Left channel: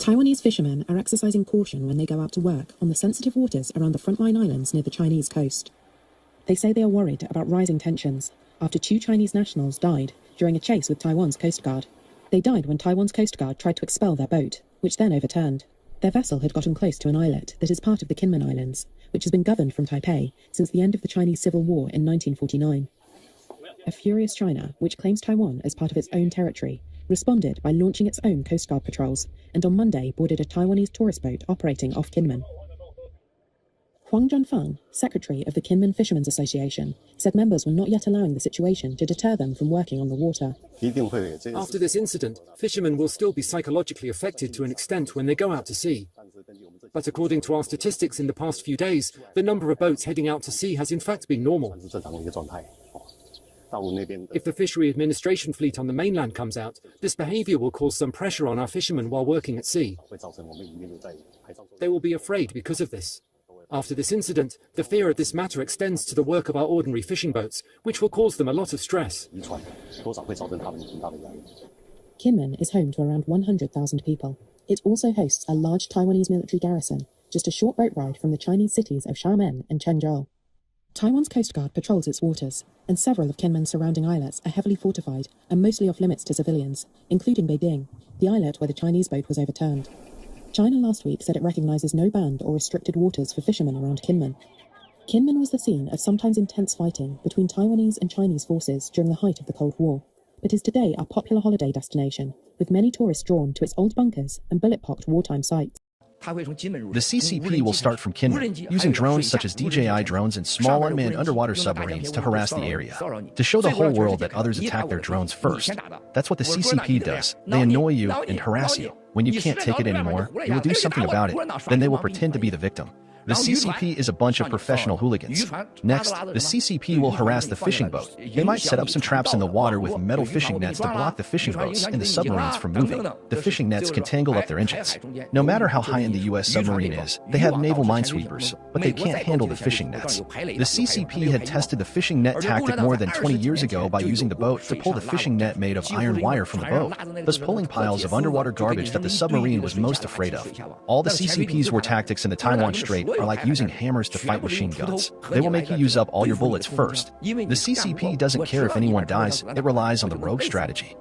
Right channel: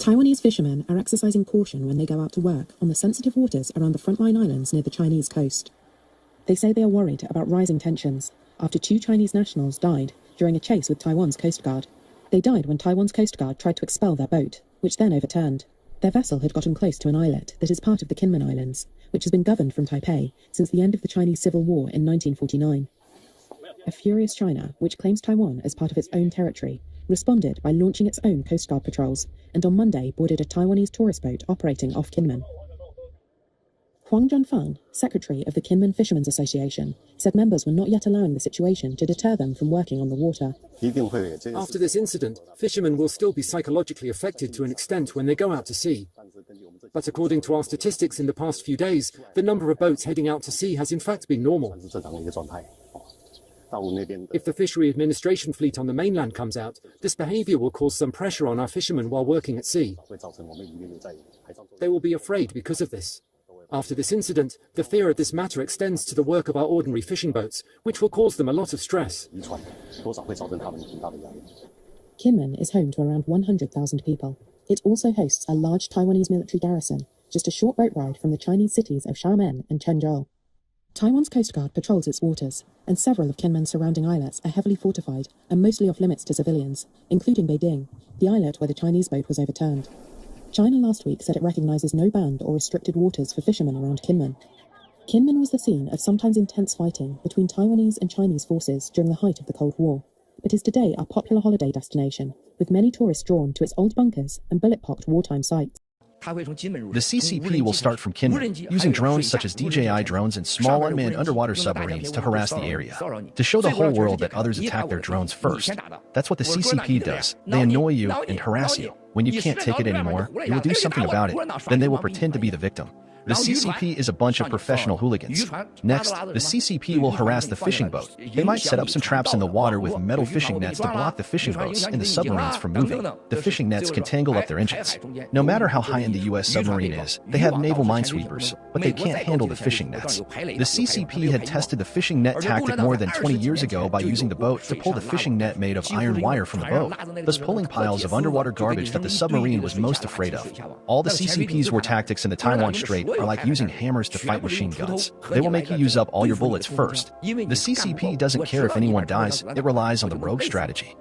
Taiwanese fishermen are exercising caution when they go out to work on the sensitive waters around the frontline islands near the Chinese coast. They say they are worried about rising tensions after 2 Chinese nationals died during a chase with Taiwan's Coast Guard. They died when Taiwan's Coast Guard tried to expel their boat, which then overturned. Their vessel had gotten close to an islet that is part of the Kinmen Islands, which has been governed from Taipei since the end of the Chinese Civil War in 1949. A furious China, which claims Taiwan as part of its own territory, responded by launching its own Coast Guard patrols, and on Monday boarded a Taiwanese tourist boat operating off Kinmen. Huang Zhenfan, secretary of the Kinmen Fishermen's Association, said members were not yet allowing the situation to deter them from working on the water. After this incident, fishermen will still be psychologically affected to an extent when they go out to sea. But according to our statistics in the past few days, the number of boats heading out to sea has in fact been normal. If the fishery administration fleet on the mainland comes out, this behavior will cause some pressure on our fishermen while working at sea. They will be afraid because of this. After this incident, the fear of this matter extends to the work of our ordinary fishing boats, which will cause them a lot of stress. Kinmen is home to around 100,000 people. It also hosts a large Taiwanese military garrison, just a short boat ride from the Chinese cities of Xiamen and Chenzhou. Taiwan's Coast Guard patrols its waters, and several of Kinmen's surrounding islets are heavily fortified and mostly off limits to civilians, including Beiding, the islet where the Chinese boat was overturned. China last week said it recognizes no banned or restricted waters for fishermen around Kinmen. Kinmen was the scene of sometimes intense fighting between Taiwanese and Chinese forces during the height of the Cold War, but is today a popular holiday destination, with many tourists drawn to its old bunkers and bullet-pocked wartime sites. The CCP will start from Kinmen, using drones such as DJI drones and small unmanned underwater submarines to harass the area, to show the whole world that others attack their drones first. That's what the CCP does. They annoy you and harass you. When you can't take it anymore, you will do something about it. Then they will pretend to be the victim. The CCP is a bunch of professional hooligans. Next, the CCP will harass the fishing boat. They might set up some traps in the water with metal fishing nets to block the fishing boats and the submarines from moving. The fishing nets can tangle up their engines. No matter how high-end the U.S. submarine is, they have naval minesweepers, but they can't handle the fishing nets. The CCP had tested the fishing net tactic more than 20 years ago by using the boat to pull the fishing net made of iron wire from the boat, thus pulling piles of underwater garbage that the submarine was most afraid of. All the CCP's war tactics in the Taiwan Strait are like using hammers to fight machine guns. They will make you use up all your bullets first. The CCP doesn't care if anyone dies, it relies on the rogue strategy.